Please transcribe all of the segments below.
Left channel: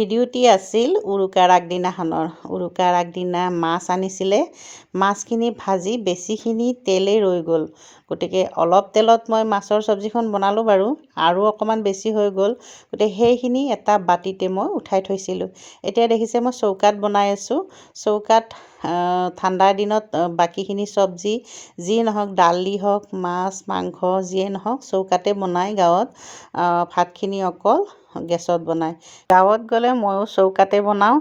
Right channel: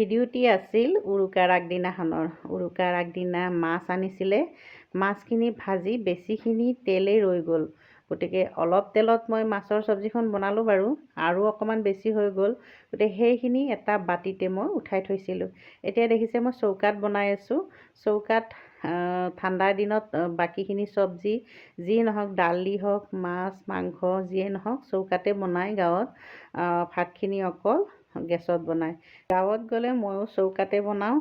ভিডিঅ'টি আছিল উৰুকাৰ আগদিনাখনৰ। উৰুকাৰ আগদিনা মাছ আনিছিলে। মাছখিনি ভাজি বেছিখিনি তেলেই ৰৈ গ'ল, গতিকে অলপ তেলত মই মাছৰ চব্জিখন বনালোঁ বাৰু, আৰু অকণমান বেছি হৈ গ'ল, গতিকে সেইখিনি এটা বাতিতে মই উঠাই থৈছিলোঁ। এতিয়া দেখিছে মই চৌকাত বনাই আছোঁ। চৌকাত ঠাণ্ডাৰ দিনত বাকীখিনি চব্জি যি নহওক, দালি হওক, মাছ মাংস যিয়ে নহওক, চৌকাতে বনাই গাঁৱত। ভাতখিনি অকল গেছত বনায়। গাঁৱত গ'লে ময়ো চৌকাতে বনাওঁ।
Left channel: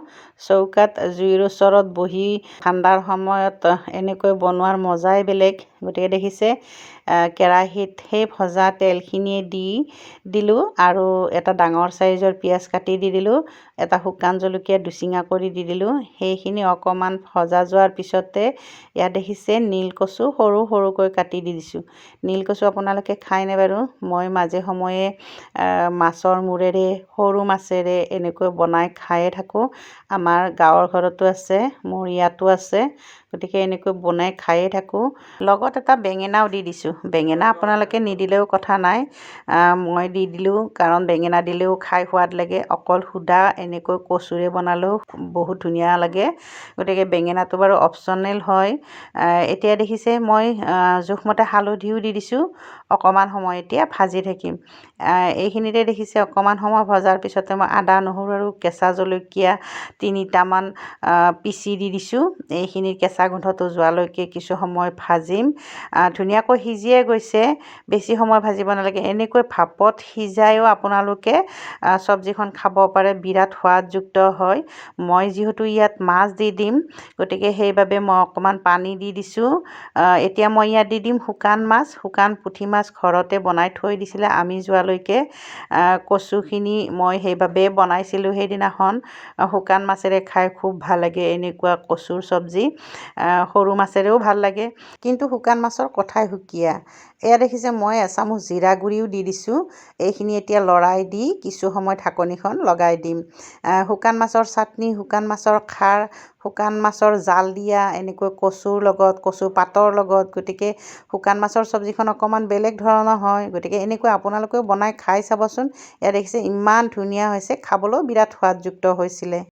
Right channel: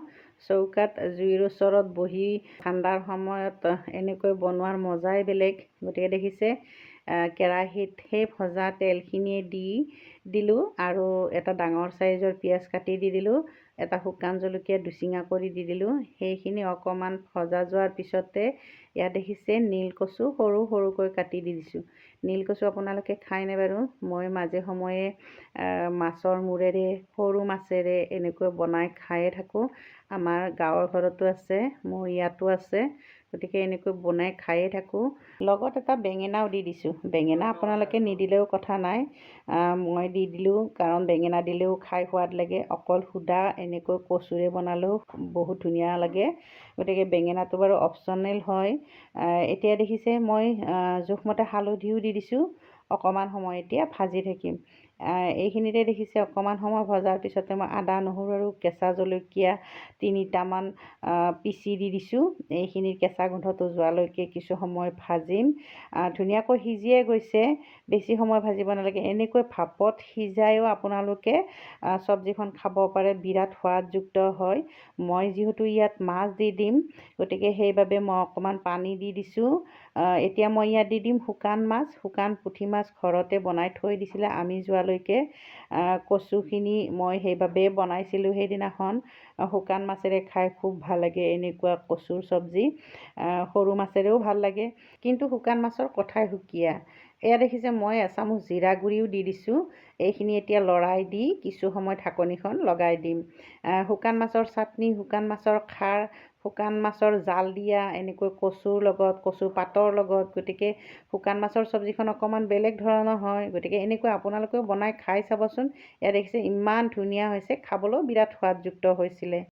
চৌকাত জুইৰ ওচৰত বহি ঠাণ্ডাৰ সময়ত এনেকৈ বনোৱাৰ মজাই বেলেগ। গতিকে দেখিছে কেৰাহীত সেই ভজা তেলখিনিয়ে দিলোঁ আৰু এটা ডাঙৰ চাইজৰ পিঁয়াজ কাটি দি দিলোঁ, এটা শুকান জলকীয়া দুচিঙা কৰি দি দিলোঁ। সেইখিনি অকণমান ভজা যোৱাৰ পিছতে ইয়াত দেখিছে নীলকচু সৰু সৰুকৈ কাটি দি দিছোঁ। নীলকচু আপোনালোকে খায়নে বাৰু? মই মাজে সময়ে মাছৰ মূৰেৰে, সৰু মাছেৰে এনেকৈ বনাই খায়ে থাকোঁ। আমাৰ গাঁৱৰ ঘৰতো আছে, মোৰ ইয়াতো আছে, গতিকে এনেকৈ বনাই খায়ে থাকোঁ। লগত এটা বেঙেনাও দি দিছোঁ। বেঙেনা আপোনালোকে নিদিলেও কথা নাই, মই দি দিলোঁ, কাৰণ বেঙেনা দিলেও খাই সোৱাদ লাগে। অকল সুদা এনেকৈ কচুৰে বনালেও বহুত ধুনীয়া লাগে, গতিকে বেঙেনাটো বাৰু অপশ্যনেল হয়। এতিয়া দেখিছে মই জোখমতে হালধিও দি দিছোঁ। অকণমান সময় এতিয়া ভাজি থাকিম। এইখিনিতে দেখিছে অকণমান সময় ভজাৰ পিছতে মই আদা নহৰু আৰু কেঁচা জলকীয়া 3টামান পিচি দি দিছোঁ। এইখিনিৰ কেঁচা গোন্ধটো যোৱালৈকে কিছু সময় ভাজিম। ধুনীয়াকৈ সিজিয়ে গৈছে, বেছি সময় ভাজিব নালাগে। এনেকৈ ভাপত সিজায়ো আপোনালোকে চব্জিখন খাব পাৰে, বিৰাট সোৱাদযুক্ত হয়। মই যিহেতু ইয়াত মাছ দি দিম, গতিকে সেইবাবে মই অকণমান পানী দি দিছোঁ। এতিয়া মই ইয়াত দি দিম শুকান মাছ। শুকান পুঠি মাছ ঘৰতে বনাই থৈ দিছিলে আমি যোৱালৈকে। কচুখিনি মই সেইবাবে বনাইছিলোঁ সেইদিনাখন। শুকান মাছেৰে খাই খুব ভাল লাগে এনেকুৱা কচুৰ চব্জি। সৰু মাছেৰেও ভাল লাগে, কিন্তু শুকান মাছৰ কথাই সুকীয়া। এয়া দেখিছে মই এচামুচ জিৰা গুড়িও দি দিছোঁ। এইখিনি এতিয়া লৰাই দি কিছু সময় ঢাকনিখন লগাই দিম। শুকান মাছৰ চাটনি, শুকান মাছৰ খাৰ, শুকান মাছৰ জাল দিয়া, এনেকৈ কচুৰ লগত, কচু পাতৰ লগত, গতিকে শুকান মাছৰ চব্জিখন অকণমান বেলেগ ধৰণৰ হয়। গতিকে এনেকৈ আপোনালোকেও বনাই খাই চাবচোন। এয়া দেখিছে ইমান ধুনীয়া হৈছে, খাবলৈও বিৰাট সোৱাদযুক্ত হৈছিলে।